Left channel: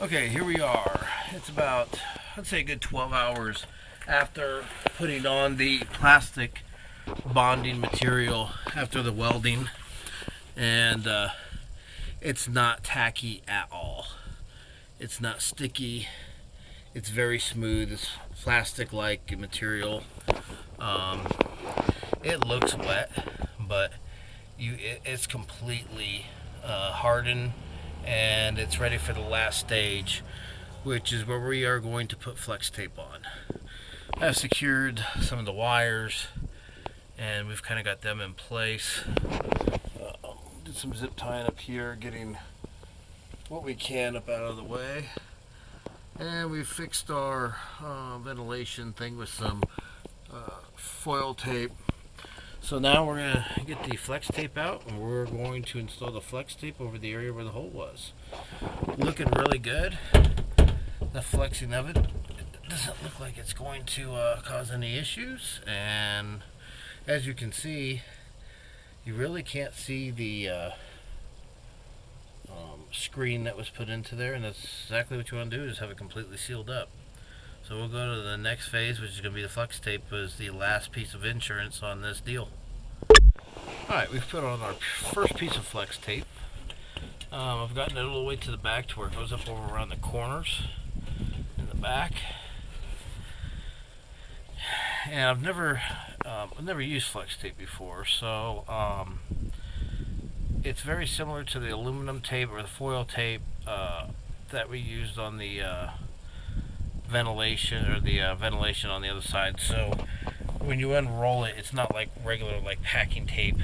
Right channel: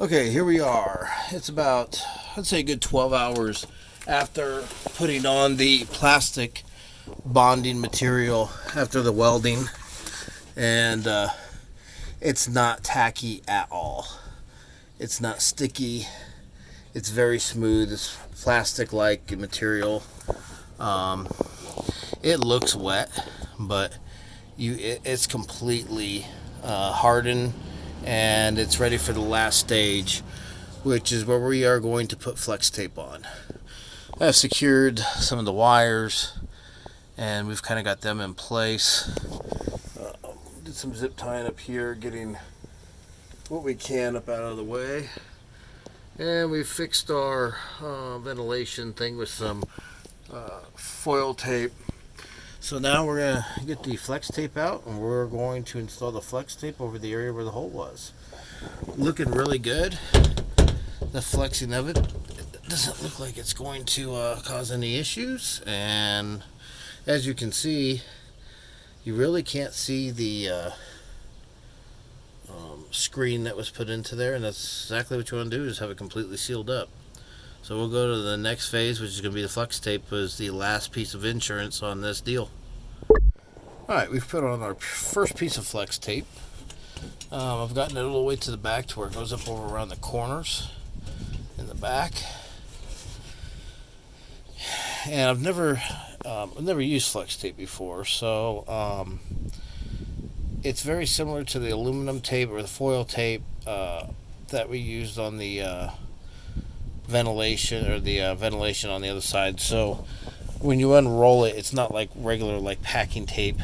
Okay, here we are. It's about, I'd say, a good 12 hours after putting on the plastic bonding material after the welding, and it's not tacky at all. It's not sticky. It's very smooth. It's plastic-like material. Um, it looks wet, but it's completely hardened, and it's ready for the last stage, which is where we are going to put flex tape on. I've secured some of the wires, and we've kind of got them in place. Did some zip tying up here, getting what we can up out of the way, and we fixed our ventilation thing with some foil tape. So now we're going to get the flex tape out, and we're going to install the flex tape over the area where the hole was. Looking really good. The flexing of it doesn't look like it's going to cause any issues, and as you can see, you really can't see the screen that was put into there, and that's exactly what you want to do, is have it completely sealed up. So we'll go to the next phase, which is going to be the flex tape, was the last piece of insurance on this deal. Alright, we've put on our first piece of flex tape. I've gotten it a little way to the back to where it goes up over around the corners in the back. And I've never used flex tape before, so it's very similar to the aluminum tape or the foil tape that we used on the ventilation, or the ventilation on the other side. So when you unroll it, it's not like regular like packing tape.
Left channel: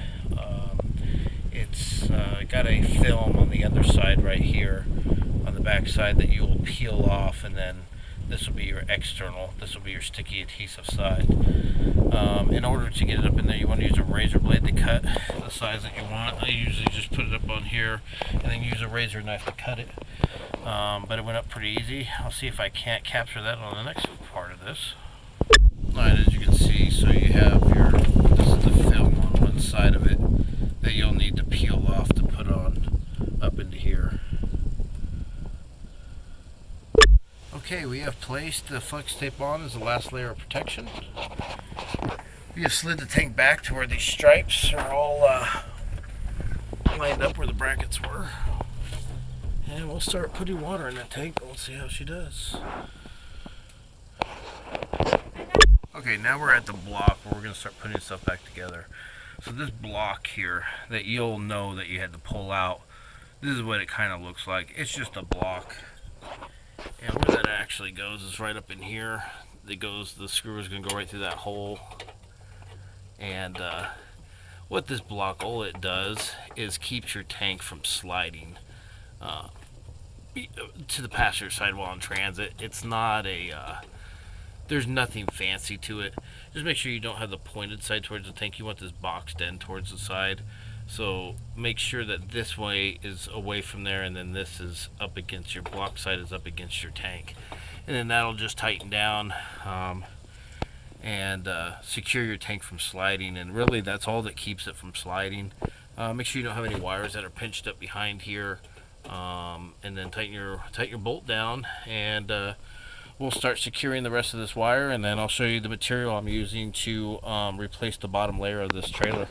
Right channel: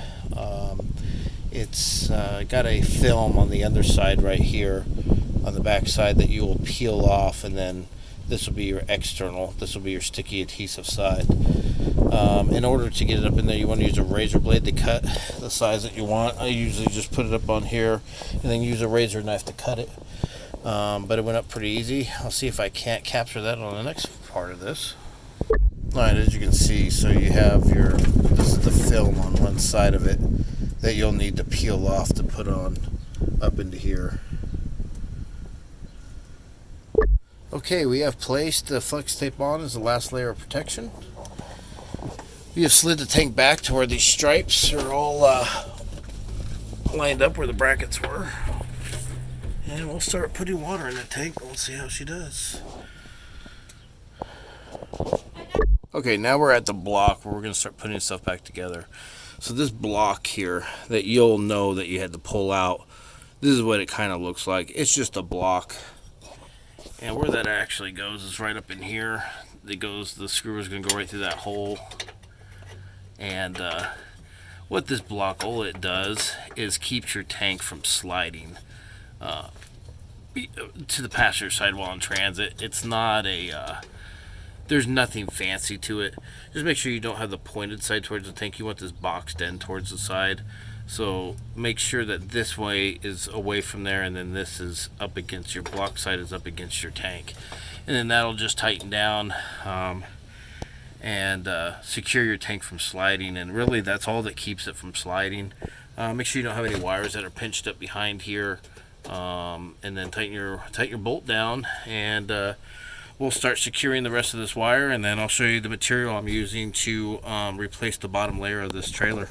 It's got a film on the underside right here on the back side that you will peel off, and then this will be your external. This will be your sticky adhesive side. In order to get it up in there, you want to use a razor blade to cut the size that you want. I usually just put it up on here and then use a razor knife to cut it. But it went up pretty easy. I'll see if I can't capture that on the next part of this. Alright, as you can see, so you have this is the film on one side of it that you'll need to peel off to put on up into here. Okay, we have placed the flex tape on as the last layer of protection. We have slid the tank back to where these stripes are all lined up where the brackets were. And we'll start putting water in the tank. We'll see how she does. Okay, now we're at the block where we're going to start putting stuff back together. So this block here that you'll know that you had to pull out, this is what it kind of looks like. It's just a block. And where that actually goes is right up in here. The screw is going to go right through that hole. And what this block, all it does is keeps your tank from sliding to the passenger side while in transit. It's not there's nothing fancy to it. Just make sure you don't have the pointed side towards the tank. You want this boxed end towards the side. So make sure that this way is away from there, and then this is up against your block side, is up against your tank. And then that'll just tighten down and secure your tank from sliding. And really that's all that keeps it from sliding. Make sure you don't have any wires that are pinched up behind here. And then tighten your bolt down, and we'll start securing the rest of this wire, and then I'll show you the material I'm using to replace the bottom layer of this trailer.